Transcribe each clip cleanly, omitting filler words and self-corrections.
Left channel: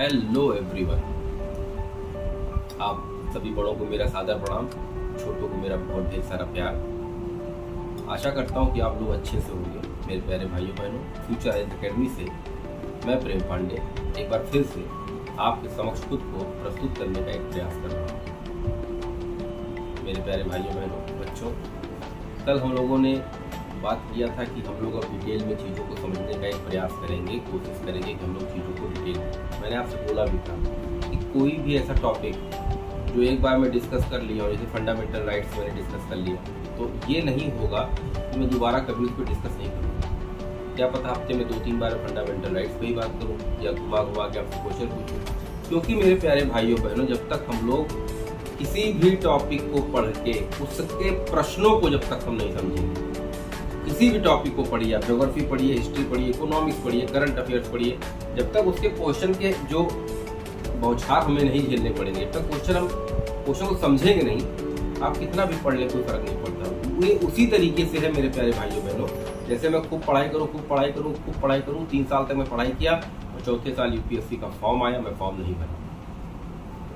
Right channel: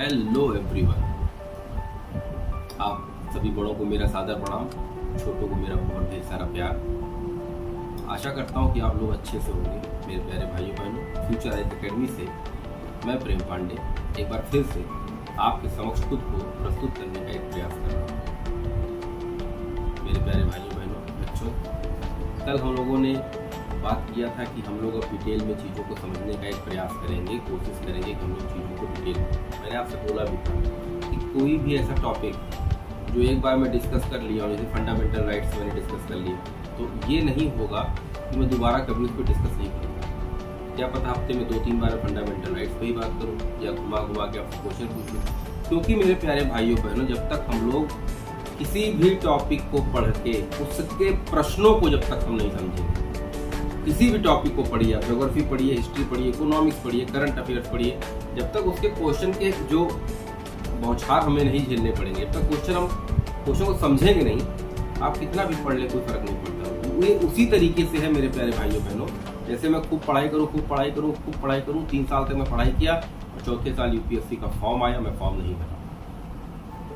Hello everyone. आप सभी बड़ों को मेरा सादर प्रणाम, छोटों को मेरा बहुत ढेर सारा प्यार। आशा करता हूँ कि आप लोग अच्छे से होंगे। मेरे प्यारे भाइयों बहनों, फ्यूचर एज अकेडमी से मैं प्रेम पांडे एक बार फिर से आपके समक्ष खुद को प्रस्तुत करने का एक प्रयास कर रहा हूँ। मेरे प्यारे भाइयों बहनों, बच्चों, कल हम लोगों ने बात किया था कि हम लोग अब डिटेल में चीज़ों को समझने का एक प्रयास करेंगे, कोशिश करेंगे कि हम लोग चीज़ों को डिटेल में। मैंने आपसे बोला भी था कि कोई भी ऐसा टॉपिक जो एक बार मैं डिस्कस कर लिया और जैसे फंडामेंटल राइट्स मैंने डिस्कस कर लिया, तो ये नहीं होगा कि मैं दोबारा कभी उस पर डिस्कस नहीं करूँगा। क्या पता हफ्ते में 2-3 बार फंडामेंटल राइट्स पर ही बात करूँ या घुमा घुमा के आपसे क्वेश्चन पूछूँ। क्योंकि मेरे प्यारे भाइयों बहनों, जब तक हम लोग किसी भी टॉपिक को पढ़ के उसके प्रश्नों को जब तक हम नहीं समझेंगे, किसी भी टॉपिक को पढ़िए, आप ज्योग्राफी पढ़िए, हिस्ट्री पढ़िए, इकोनॉमिक्स पढ़िए, करंट अफेयर्स पढ़िए, जब तक उसके क्वेश्चन के जो बौछार हमें नहीं झेलने पड़ेंगे, जब तक क्वेश्चन को समझेंगे नहीं, आप कितना भी पढ़ ले कोई फर्क नहीं पड़ता। ये उसी तरीके से है मेरे प्यारे भाइयों बहनों। जैसे मैं खूब पढ़ाई करूँ 3 साल तक मैं पढ़ाई किया और चौथे साल यूपीएससी का फॉर्म आया, मैं फॉर्म नहीं भरा।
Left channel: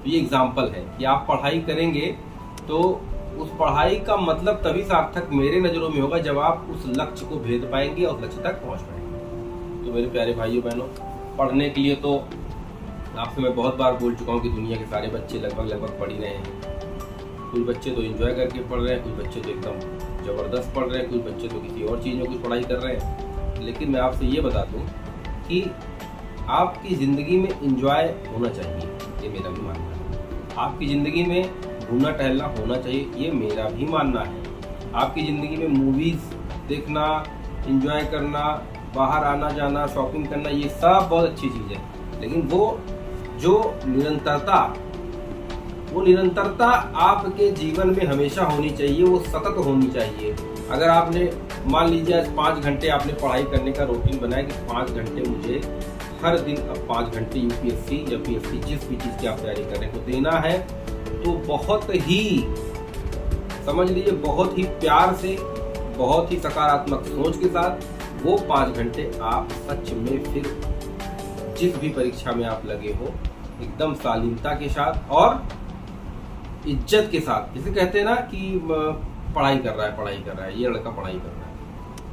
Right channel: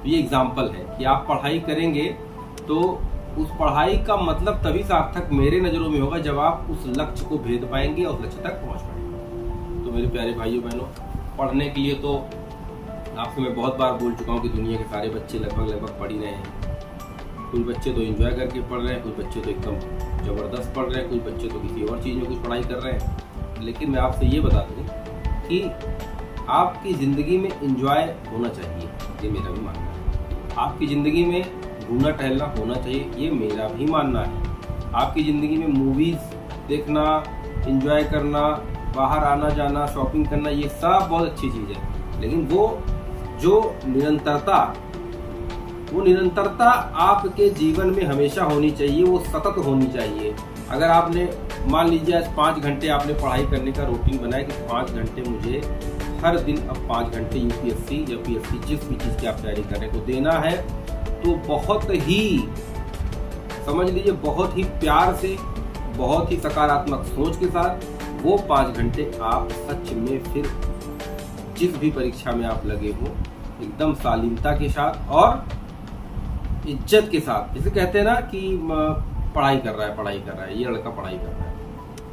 तो ये एग्जाम्पल है कि आप पढ़ाई करेंगे तो उस पढ़ाई का मतलब तभी सार्थक मेरे नज़रों में होगा जब आप उस लक्ष्य को भेद पाएंगे और उस लक्ष्य तक पहुंच पाएंगे। तो मेरे प्यारे भाइयों बहनों, पढ़ने के लिए तो आपसे मैं बहुत बार बोल चुका हूं कि दुनिया के सारे बच्चे लगभग पढ़ ही रहे हैं। कुछ बच्चे तो एंजॉय करके पढ़ रहे हैं, कुछ बच्चे तो एकदम ज़बरदस्त पढ़ रहे हैं, कुछ बच्चे तो किसी और चीज़ में कुछ पढ़ाई कर रहे हैं। लेकिन मैं आपसे ये बता दूँ कि आपकी ज़िंदगी में एंजॉय होना चाहिए, ये मेरा भी मानना है। आपकी ज़िंदगी में घूमना टहलना होना चाहिए, ये मेरा भी मानना है। आपकी ज़िंदगी में मूवीज़ देखना, एंजॉय करना, बाहर आना जाना, शॉपिंग करना, ये सब बहुत अच्छी चीज़ है। लेकिन वो जो निरंतरता आपके जीवन में हमेशा होनी चाहिए, वो सतत होनी चाहिए। अगर आपने मान लीजिए आज 5 घंटे आपने पढ़ाई करने का रूटीन बनाया कि 5 घंटे मुझे हर दिन अब 5 घंटे यूपीएससी या पीएससी जिस भी चीज़ की आप तैयारी करने को देना है, तो बहुत ही समझ लीजिए, बहुत ही प्यार से, बहुत ही सकारात्मक सोच के साथ वो 5 घंटे आप सच में फिर जिस भी परीक्षा में आप लगे हो एकदम शालीनता के साथ और इज्जत के साथ, जैसे कहते हैं ना कि पढ़ाई कर रहा है, ये लड़का पढ़ाई कर रहा है,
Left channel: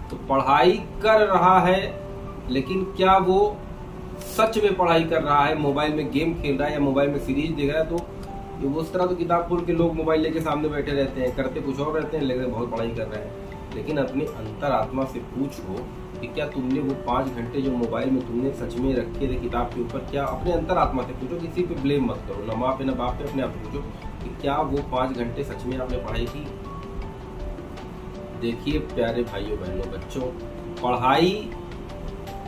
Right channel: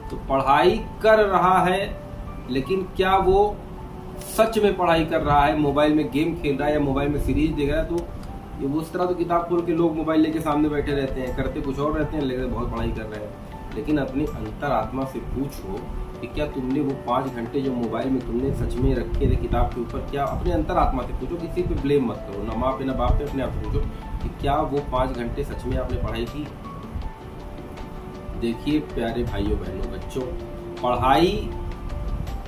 तो पढ़ाई कर रहा है, लेकिन क्या वो सच में पढ़ाई कर रहा है? मोबाइल में गेम खेल रहा है या मोबाइल में सीरीज देख रहा है? तो ये उस तरह तो किताब खोल के लोग मोबाइल लेके सामने बैठे रहते हैं, करते कुछ और रहते हैं, लेकिन बहुत पढ़ाई कर रहे हैं। लेकिन अपनी अंतरात्मा से पूछो कि क्या तुमने वो 5 घंटे जो मोबाइल में तुमने सच में रखे थे किताब के ऊपर, क्या अपने अंतरात्मा से पूछो, किसी पे ब्लेम मत करो, ना माँ पे ना बाप पे, अपने आप से पूछो कि क्या वो 5 घंटे सच में आपने पढ़ाई की? देखिए प्यारे भाइयों बहनों बच्चों, पढ़ाई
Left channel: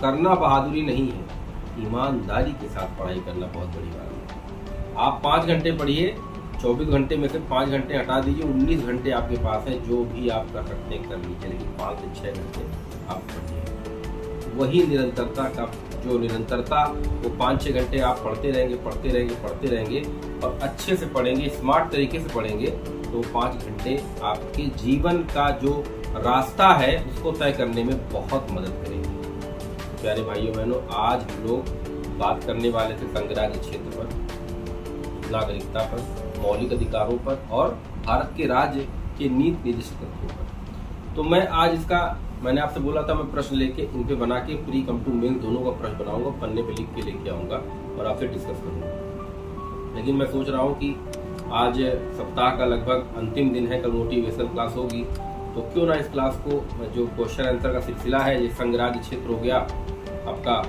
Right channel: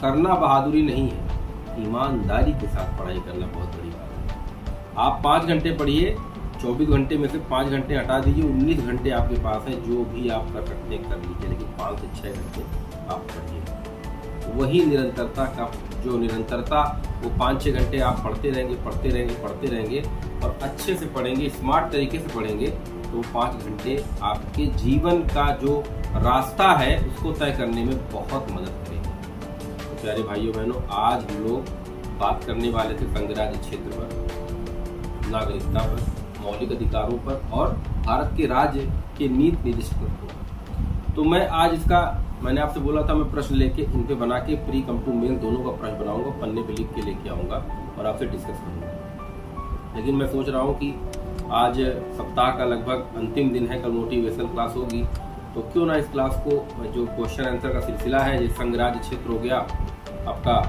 करना बहादुरी नहीं है, ईमानदारी के साथ पढ़ाई करना बहुत बड़ी बात है। आप 5 घंटे पढ़िए, 24 घंटे में से 5 घंटे हटा दीजिए, 19 घंटे आपके पास हैं, जो भी आप कर सकते हैं कर लीजिए, लेकिन 5 से 6 घंटे आप पढ़िए। वही निरंतरता का जो निरंतरता, वो 5-6 घंटे आप पढ़ते रहेंगे और अच्छे से पढ़ेंगे, स्मार्ट तरीके से पढ़ेंगे, तो 5 घंटे आपके जीवन का जो रास्ता है उसको तय करने में बहुत मदद करेंगे। तो प्यारे भाइयों बहनों, आज हम लोग बात करने वाले थे संघराज्य क्षेत्र पर, नागरिकता पर, मौलिक अधिकारों पर और भारत के राज्य के नीति निर्देशक तत्वों पर। तो मैं आज मैंने आपसे बोला था मैं प्रश्न लेके इन पे बना के प्री कम टू मेन दोनों का प्रश्न बनाऊंगा, पन्ने पे लिख के लेके आऊँगा और आपसे डिस्कस करूँगा। लेकिन मैं सोच रहा हूँ कि आज सप्ताह का लगभग अंतिम दिन है, कल मोटिवेशन क्लास होगी, तो क्यों ना इस क्लास को जो क्वेश्चन आंसर का सिलसिला है, जैसे संघराज्य क्षेत्र हो गया, आपका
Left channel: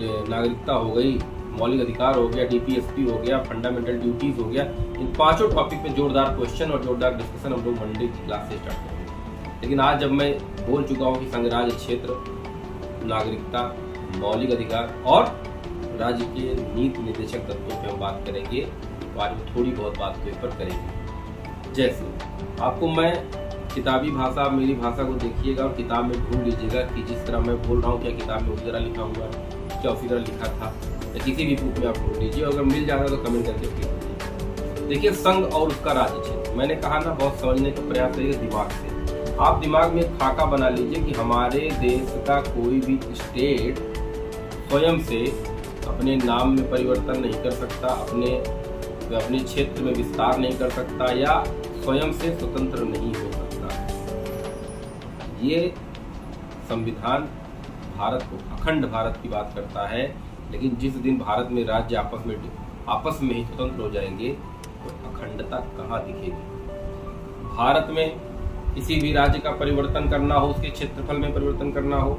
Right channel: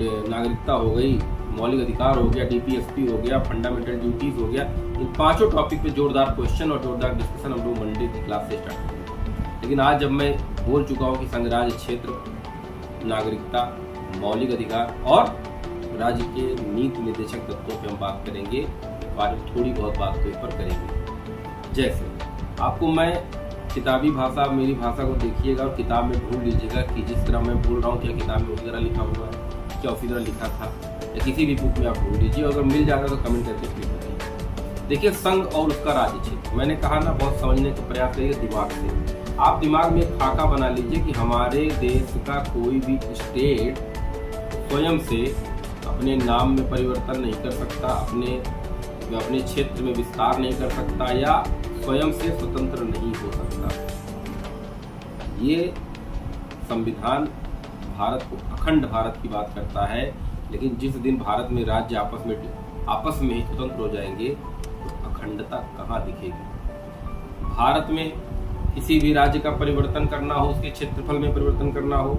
नागरिकता हो गई, मौलिक अधिकार हो गया, डीपीएसपी हो गया, फंडामेंटल ड्यूटीज हो गया, इन 5 टॉपिक पे जोरदार क्वेश्चन और जोरदार डिस्कशन हम लोग मंडे की क्लास से स्टार्ट करेंगे। लेकिन आज जब मैं बोल चुका हूँ कि संघराज्य क्षेत्र, नागरिकता, मौलिक अधिकार और राज्य के नीति निर्देशक तत्वों पे हम बात करेंगे, तो आज थोड़ी बहुत बात तो इस पर करेंगे। जैसे आपको मैं किताबी भाषा, मेरी भाषा को देखिएगा और किताब में ढूंढ लीजिएगा कि जिस तरह मैं बोल रहा हूँ क्या किताब में उसी तरह लिखा हुआ है, क्या उसी तरह लिखा था, या किसी भी बुक में आप ढूंढ लीजिए, अगर मिल जाता तो कमेंट करके प्लीज बताइए। देखिए, संघ और उसका राज्य क्षेत्र, मैंने कहा ना, बहुत समझने का प्रयास करिए दिमाग से। आप दिमाग में एक खाका बना लीजिए कि हमारे देश का कोई भी स्टेट स्वयं से अपने नाम में परिवर्तन नहीं कर सकता, अपने क्षेत्र में विस्तार नहीं कर सकता या स्वयं से स्वतंत्र नहीं हो सकता। ये संविधान भारत को, अखंड भारत की बात करता है। लेकिन जिस दिन भारत में राज्य आपस में ही स्वतंत्र हो जाएंगे तो अखंडता कहाँ दिखेगी। भारत में किसी भी राज्य का परिवर्तन करना हो, उसके क्षेत्रफल में परिवर्तन करना हो,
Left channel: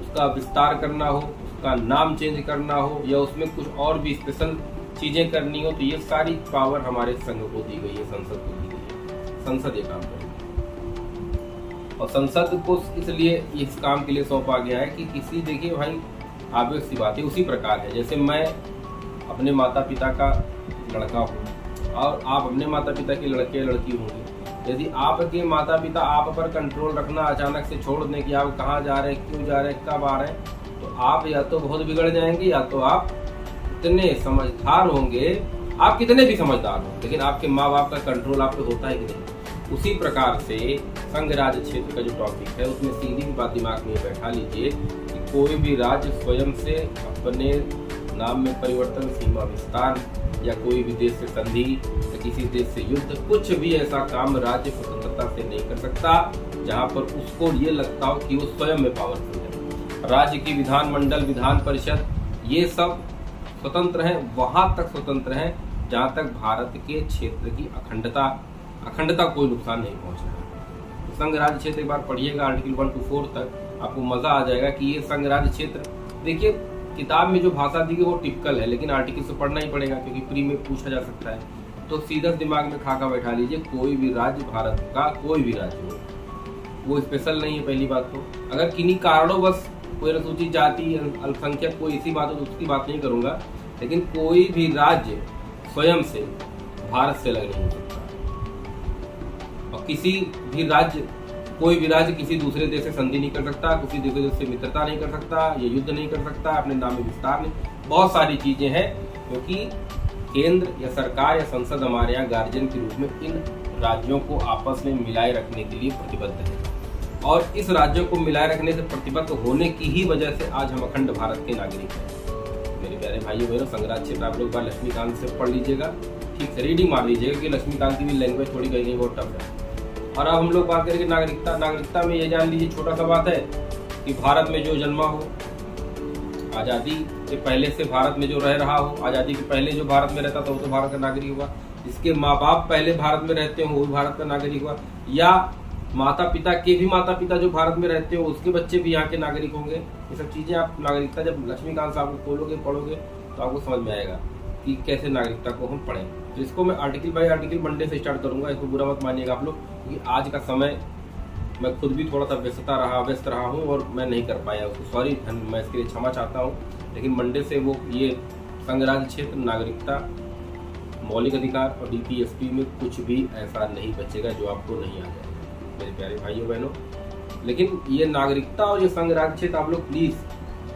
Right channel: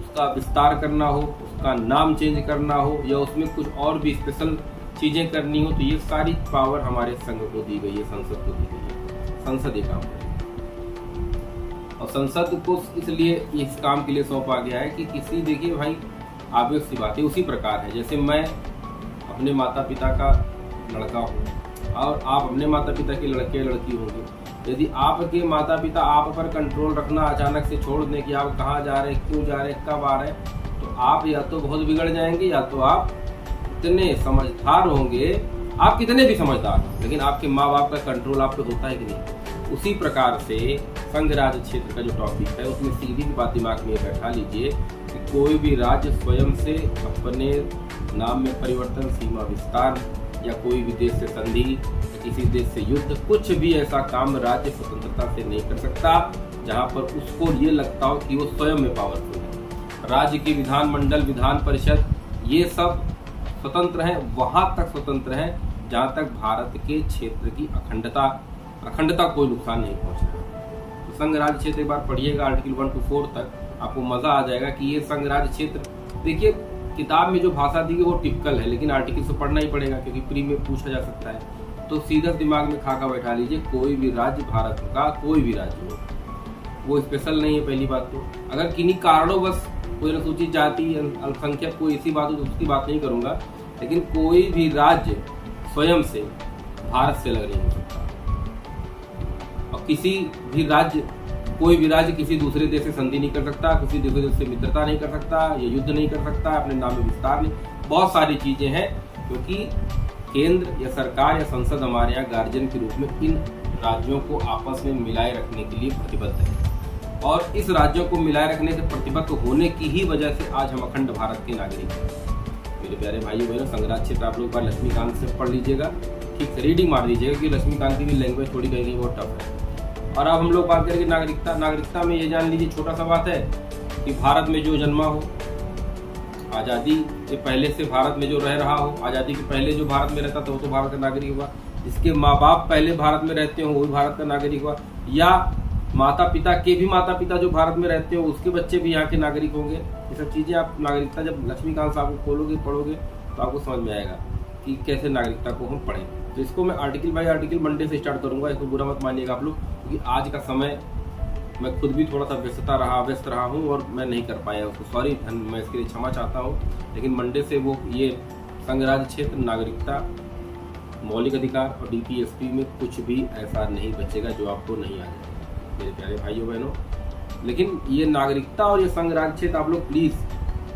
उसका विस्तार करना हो, उसका नाम चेंज करना हो या उसमें कुछ और भी स्पेशल चीजें करनी हो, तो ये सारी पावर हमारे संघ को दी गई है, संसद को दी गई है। संसद ये काम करेगी और संसद को इसलिए इस काम के लिए सौंपा गया है कि किसी, देखिए भाई आवेश सी बात है, उसी प्रकार है जैसे मैं अपने माता पिता का लड़का हूँ और आप अपने माता पिता के लड़के या लड़की होंगे। यदि आपके माता पिता आप पर कंट्रोल रखना अचानक से छोड़ दें कि आप कहाँ जा रहे हैं, क्यों जा रहे हैं, कब आ रहे हैं, तो आप या तो बहुत बिगड़ जाएंगे या तो आप इतने समझदार होंगे, आप कितने भी समझदार हो लेकिन आपके माँ बाप का कंट्रोल आप पे होता है कि नहीं। उसी प्रकार से संघ राज्य क्षेत्र का जो टॉपिक है उसमें सीधी भी बात दिमाग में बैठा लीजिए कि कोई भी राज्य स्वयं से अपने नाम में परिवर्तन, सीमा विस्तार या कोई भी देश से संधि या किसी देश से युद्ध, कुछ भी ऐसा काम राज्य स्वतंत्रता से नहीं कर सकता जहां पर उसको ये लगता हो कि वो स्वयं में पावरफुल है। राज्य की विधानमंडल, विधान परिषद ये सब स्वतंत्र हैं, वहां तक स्वतंत्र हैं जहां तक भारत के क्षेत्र की अखंडता कोई नुकसान नहीं पहुंचना है। तो संघ राज्य क्षेत्र एक बार पढ़िएगा आर्टिकल 1 to 4 तक, आपको मजा आ जाएगा कि ये संघ राज्य क्षेत्र, देखिए किताब में जो भाषा दी है वो टिपिकल है लेकिन आर्टिकल से पढ़ना ही पड़ेगा क्योंकि प्री में पूछा जा सकता है। तो सीधा दिमाग में खाका बैठा लीजिए, कोई भी राज्य भारत का कोई भी राज्य हो वो स्पेशल नहीं है। पहली बात तो अगर किन्हीं कारणों बस कोई अनुसूचित जाति, अल्पसंख्यक कोई ऐसी बात हो तो उसकी बात नहीं करूंगा, लेकिन कोई भी राज्य स्वयं से भारत से अलग नहीं हो सकता और किसी भी राज्य, कोई भी राज्य किसी दूसरे देश से संधि नहीं कर सकता, किसी दूसरे देश से मित्रता नहीं कर सकता, या युद्ध नहीं कर सकता, अपने नाम में विस्तार नहीं, बहुत सारी चीजें हैं क्योंकि केंद्र या सरकार या संसद हमारे यहाँ गार्जियन के रूप में इन राज्यों को आपस में मिलाए रखने के लिए प्रतिबद्ध है और इस राज्यों को मिलाए रखने से प्रतिबद्ध होने की ही वजह से आज हम अखंड भारत के नागरिक हैं। मेरे प्यारे भाइयों बहनों, संघराज क्षेत्र आप लोग बार लक्ष्मीकांत से पढ़ लीजिएगा, ठीक से रीडिंग मार दीजिएगा कि लक्ष्मीकांत की भी लैंग्वेज थोड़ी कहीं बहुत टफ है। और अब हम लोग बात करेंगे नागरिकता में ये जान लीजिए, छोटा सा बात है कि भारत में जो जन्मा हो, आज़ादी के पहले से भारत में जो रह रहा हो, आज़ादी के पहले जो भारत में रहता था वो तो भारत का नागरिक हुआ, जिसके माँ बाप पहले भारत में रहते हो वो भी भारत का नागरिक हुआ, या माता पिता जो भारत में रहते हो उसके बच्चे भी यहाँ के नागरिक होंगे। ये सब चीज़ें आप नागरिकता जब लक्ष्मीकांत साहब को खोलोगे पढ़ोगे तो आपको समझ में आएगा कि कैसे नागरिकता को हम पढ़ें। तो इसको मैं आर्टिकल बाय आर्टिकल मंडे से स्टार्ट करूंगा, इसको बुरा मत मानिएगा आप लोग, क्योंकि आज का समय मैं खुद भी थोड़ा सा व्यस्त रहा हूँ और मैं नहीं कर पाया उसको, सॉरी, मैं इसके लिए क्षमा चाहता हूँ। लेकिन मंडे से वो ये संघ राज्य क्षेत्र, नागरिकता, मौलिक अधिकार और DPSP में कुछ भी ऐसा नहीं बचेगा जो आपको नहीं आ जाएगा मेरे प्यारे भाइयों बहनों। लेकिन ये नागरिकता और ये संघ राज्य क्षेत्र आप लोग प्लीज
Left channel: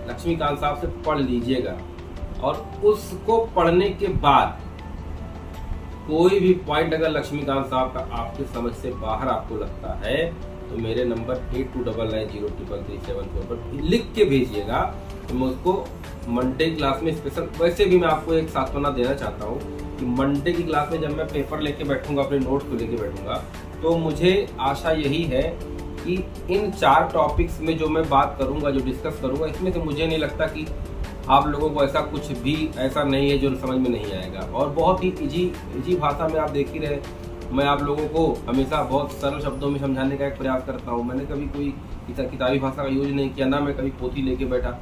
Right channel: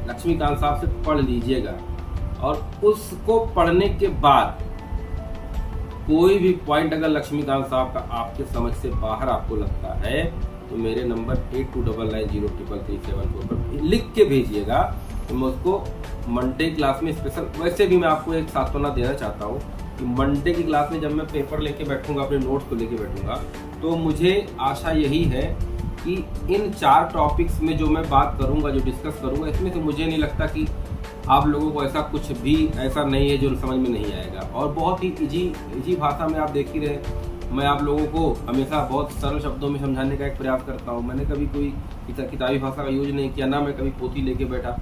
लक्ष्मीकांत साहब से पढ़ लीजिएगा और उसको पढ़ने के बाद कोई भी पॉइंट अगर लक्ष्मीकांत साहब का आपके समझ से बाहर आपको लगता है तो मेरे नंबर 8299033374 पर लिख के भेजिएगा, तो मैं उसको मंडे क्लास में स्पेशल, वैसे भी मैं आपको एक सांत्वना देना चाहता हूँ कि मंडे की क्लास में जब मैं पेपर लेके बैठूंगा, अपने नोट्स को लेके बैठूंगा, तो मुझे आशा यही है कि इन 4 टॉपिक्स में जो मैं बात करूंगा, जो डिस्कस करूंगा, इसमें से मुझे नहीं लगता कि आप लोगों को ऐसा कुछ भी ऐसा नहीं है जो समझ में नहीं आएगा। और बहुत ही इजी भाषा में आप देख ही रहे, मैं आप लोगों को हमेशा बहुत सरल शब्दों में समझाने का एक प्रयास करता हूँ। मैंने कभी कोई किताबी भाषा का यूज नहीं किया, ना मैं कभी पोथी लेके बैठा।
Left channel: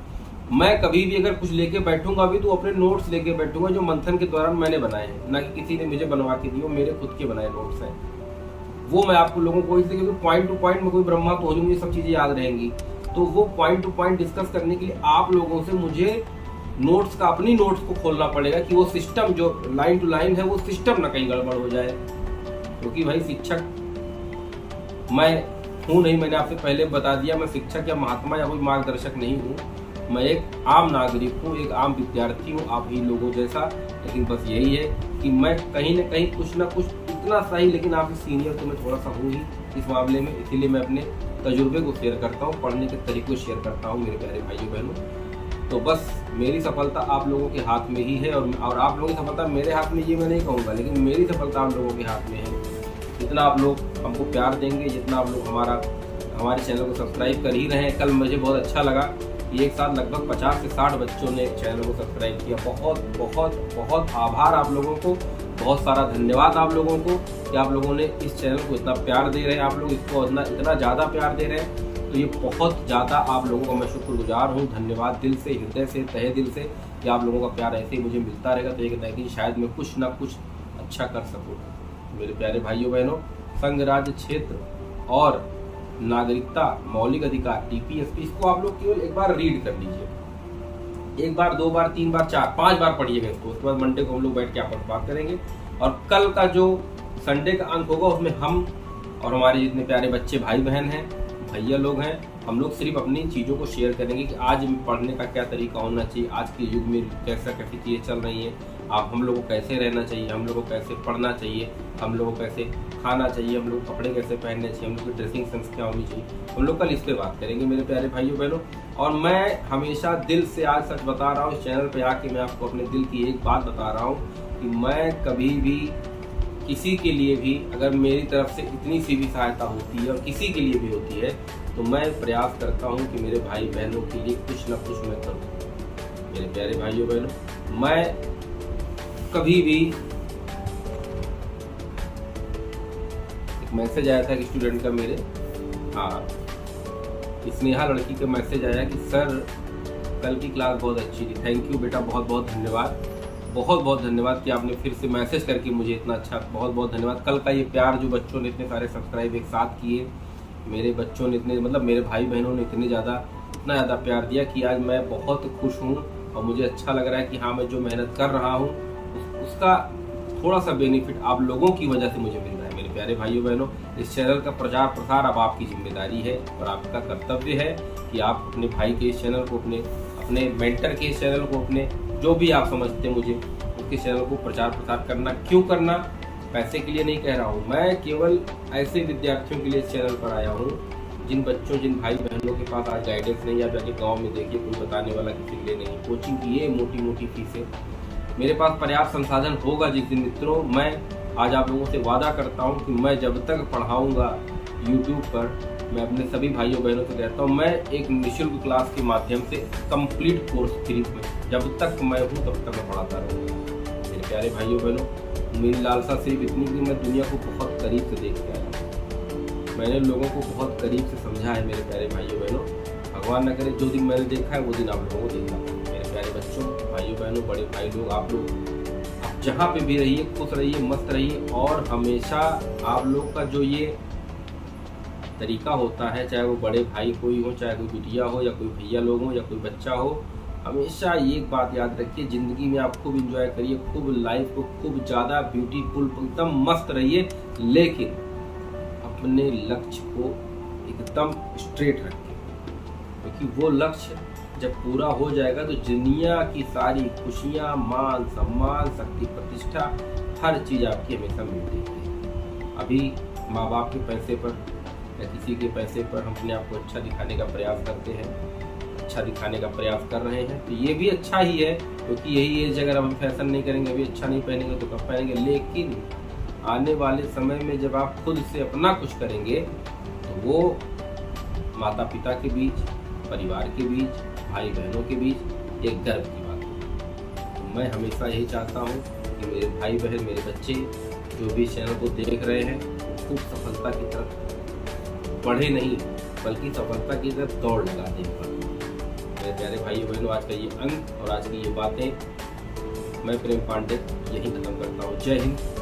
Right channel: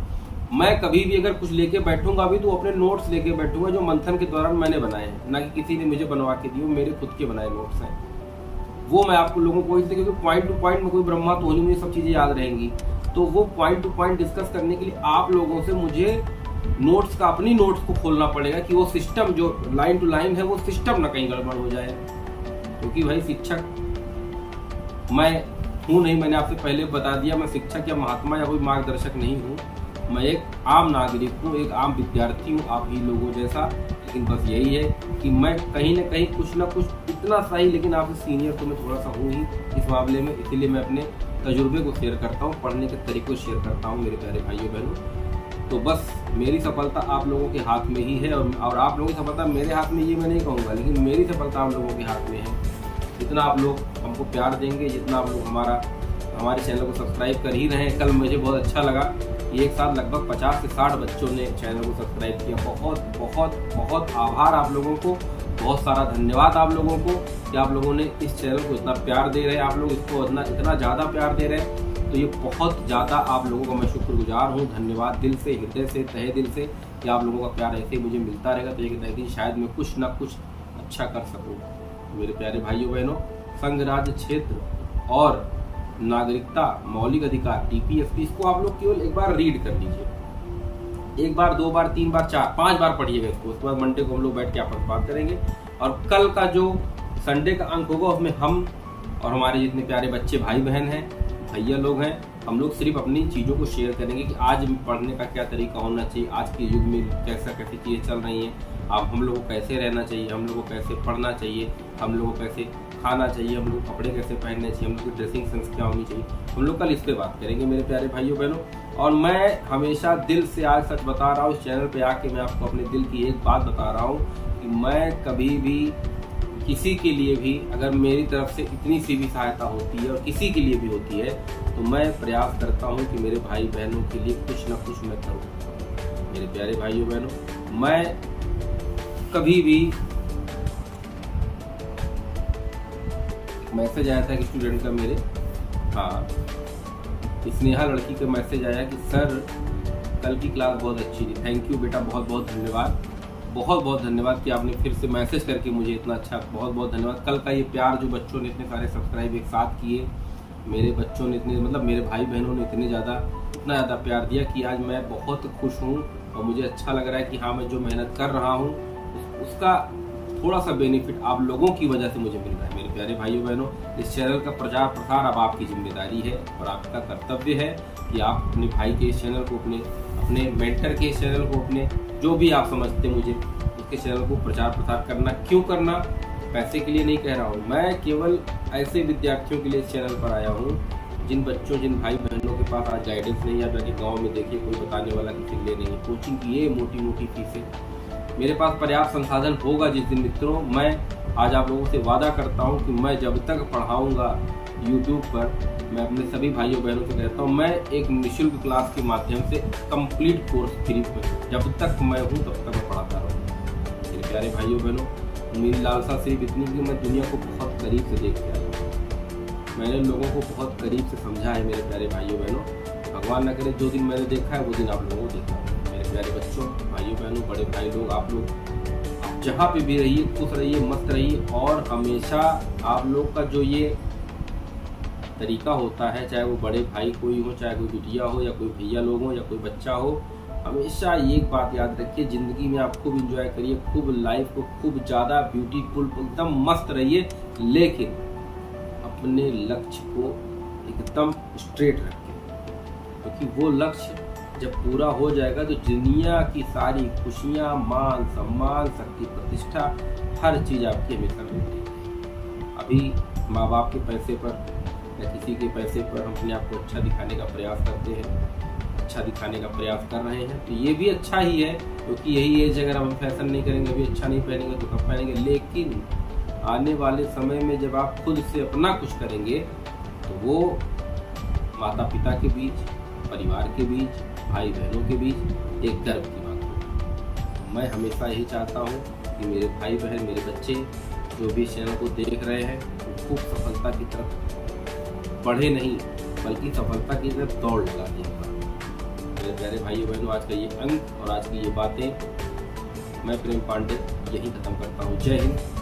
मैं कभी भी अगर कुछ लेके बैठूंगा भी तो अपने नोट्स लेके बैठूंगा जो मंथन के दौरान मैंने बनाए हैं, ना कि किसी ने मुझे बनवा के दिए, मेरे खुद के बनाए नोट्स हैं। वो मैं आपको लोगों को इसलिए, क्योंकि पॉइंट टू पॉइंट में कोई ब्रह्मा तो हो जाऊंगी, सब चीजें याद रहेंगी, तो वो पॉइंट टू पॉइंट डिस्कस करने के लिए आप लोगों से मुझे नोट्स का, अपनी नोट्स को खोलना पड़ेगा कि वो सिस्टम जो लाइन टू लाइन है वो सिस्टम ना कहीं गड़बड़ हो जाए। क्योंकि भाई शिक्षक मैं हूँ नहीं, मैंने आपसे पहले बता दिया, मैं शिक्षक या महात्मा या कोई मार्गदर्शक नहीं हूँ, मैं एक आम नागरिक हूँ, एक आम विद्यार्थी हूँ आप ही लोगों जैसा। लेकिन बस यही है कि मैं कहीं न कहीं कुछ ना कुछ, इतना सही लेकिन आपसे सीनियर तो मैं थोड़ा सा हूँ ही इस मामले में, इसीलिए मैं अपने तजुर्बे को शेयर करता हूँ, पढ़ने के तरीके को शेयर करता हूँ मेरे प्यारे भाइयों बहनों। तो बस मेरी सफलता आप लोगों के हाथ में ही है, और आप लोगों की सफलता मेरे हाथ में, ये मैं नहीं कहूँगा, लेकिन मेरी सफलता आप लोगों के हाथ में है। जितना आप लोग हमको प्यार देंगे, जितना आप लोग हमारे चैनल को सब्सक्राइब कर ही रहे हैं। कल मुझे बहुत अच्छा लगा कि एक साथ लगभग 50 से 60 बच्चों ने चैनल को सब्सक्राइब किया। बहुत बहुत बहुत आभार आप लोगों को, बहुत सारा धन्यवाद आप लोगों को कि आप लोगों ने इस चैनल को इतना प्यार दे रहे हैं, आप लोग इसको इतना ज़्यादा प्यार दे रहे हैं। तो ये बहुत ज़्यादा आप लोगों का मैं शुक्रगुजार हूँ। धन्यवाद दिल से, हृदय से, तहे दिल से कि आप लोगों का प्यार ऐसे ही मुझे मिलता रहेगा। तो एक दिन शायद मैं कुछ ना कुछ अच्छा कर सकूँ। मेरे प्यारे भाइयों बहनों, संघ राज्य क्षेत्र और नागरिकता मौलिक अधिकार TPSP, इसको आप लोग केवल एक बार रीड कर लीजिए। एक बार, 2 बार, 3 बार, 4, 5 बार पढ़िएगा इसको। उसके बाद मंडे को हम लोग बैठ के आपस में बात करेंगे। और कल का जो संडे का अंक होगा उसमें हम और हमारे जितने प्यारे बच्चे भाई बहन हैं, भैया लोग हैं, हम लोग सिर्फ अपनी चीज़ों को शेयर करेंगे कि आज पढ़ने का क्या तरीका होना चाहिए, आज के युग में कैसी चीज़ें चल रही हैं, अब हम लोग को कैसे रहना चाहिए, हम लोग को कैसे पढ़ना चाहिए, हम लोग को कैसे खाना चाहिए, हम लोग कपड़े कैसे पहनने चाहिए, हम लोग की ड्रेसिंग सेंस क्या होनी चाहिए। हम लोग कल इस पर बात करेंगे मेरे प्यारे भाइयों बहनों। और मैं हमेशा दिल से आज सच बता रहा हूँ, इस चैनल पर आके मैं आपको अपने दिल की एक बात बता रहा हूँ कि मैं कभी भी किसी के लिए भी, अगर मेरी तरफ से इतनी सी भी सहायता होती है और किसी के लिए भी होती है, तो मैं प्रयास करता हूं कि मेरे भाई बहनों के लिए कुछ ना कुछ मैं करूं। मेरे प्यारे भाइयों बहनों, मैं कभी भी, मैसेज आया था कि स्टूडेंट का मेरे, हाँ, स्नेहा लड़की का मैसेज आया कि सर कल की क्लास बहुत अच्छी थी। थैंक यू बेटा, बहुत बहुत धन्यवाद, बहुत बहुत धन्यवाद कि आपने फिर से मैसेज करके मुझे इतना अच्छा, बहुत बहुत धन्यवाद। कल का ये प्यार जो बच्चों ने इतने सारे सब्सक्राइब एक साथ किए, मेरे बच्चों ने इतने, मतलब मेरे भाई बहनों ने इतना ज़्यादा प्यार दिया कि आज मैं बहुत खुश हूँ। और मुझे अच्छा लग रहा है कि हाँ, मैं जो मेहनत कर रहा हूँ उसका थोड़ा सा बेनिफिट आप लोगों की वजह से मुझे मिल रहा है। मेरे प्यारे भाइयों बहनों, इस चैनल का प्रचार प्रसार अब आपकी जिम्मेदारी है और आपका कर्तव्य है कि आप अपने भाई के इस चैनल को, अपने मेंटर के इस चैनल को, अपने जो भी आप समझते मुझे, उसके चैनल को प्रचार प्रसार करना। क्यों करना? पैसे के लिए नहीं कह रहा हूँ, मैं केवल ऐसे विद्यार्थियों के लिए इस चैनल पर आया हूँ जिन बच्चों, जिन भाई बहनों के पास आज गाइडेंस नहीं है। आप जाके गाँव में देखिए, कोई बताने वाला किसी के लिए नहीं। कोचिंग की ये मोटी मोटी फीसें, मेरे पास पर्याप्त संसाधन होगा जिस दिन मित्रों, मैं आज आप लोगों से वादा करता हूँ कि मैं जब तक पढ़ाऊँगा यूट्यूब पर, मैं अपने सभी भाइयों बहनों से कहता हूँ, मैं एक निःशुल्क क्लास के माध्यम से कंप्लीट कोर्स फ्री में, जब तक मैं हूँ तब तक मैं पढ़ाता रहूँगा। मेरे प्यारे भाइयों बहनों, मेरी लालसा सिर्फ इतनी कि मैं दुनिया को बहुत करीब से देख के आया हूँ। मैंने लोगों को बहुत करीब से समझा है मेरे प्यारे भाइयों बहनों। भगवान न करे जो दिन मैंने देखा है वो दिन आप लोगों को देखना। मेरे प्यारे बच्चों, भाइयों बहनों, बड़े भाई लोग, आप जहाँ पे भी रहिए, खुश रहिए, मस्त रहिए। और हमेशा आप लोग का जो ये तरीका होता है, चाहे वो बड़े भाई कोई हो, चाहे कोई बिटिया हो, या कोई भैया लोग हो, या कोई बच्चा हो, हमेशा एक बात याद रखिए, ज़िंदगी में आप खूब इंजॉय करिए, खूब लाइफ को खूब ज़्यादा ब्यूटीफुल, एकदम मस्त रहिए, लेकिन अपने लक्ष्य को एकदम स्ट्रेट रखें, क्योंकि वो लक्ष्य जब पूरा हो जाएगा तो दुनिया की सारी खुशियाँ, मान सम्मान, शक्ति प्रतिष्ठा, हर चीज़ आपकी हमेशा मिलती है। अभी माँ बाप के पैसे पर या किसी के पैसे पर हम अपने आप को अच्छा दिखाने का प्रयास करते हैं, अच्छा दिखाने का प्रयास कर रहे हैं, तो ये भी अच्छा ही है, क्योंकि यही एज, अगर हम फैशन नहीं करेंगे, अभी अच्छा नहीं पहनेंगे तो कब पहनेंगे। लेकिन आने वाले समय में जब आप खुद से अपना कुछ करेंगे तो वो माता पिता के बीच, परिवार के बीच, भाई बहनों के बीच एक गर्व की बात है। तो मैं हमेशा यही चाहता हूँ कि मेरे भाई बहन, मेरे बच्चे जो भी चैनल को देख रहे हैं, वो खूब सफलता की तरफ बढ़े नहीं, बल्कि सफलता की तरफ दौड़ लगा दें। मेरे प्यारे भाइयों बहनों, आज का ये अंक और आज की ये बातें मैं प्रेम पांडे यहीं ख़त्म करता हूँ। जय हिंद।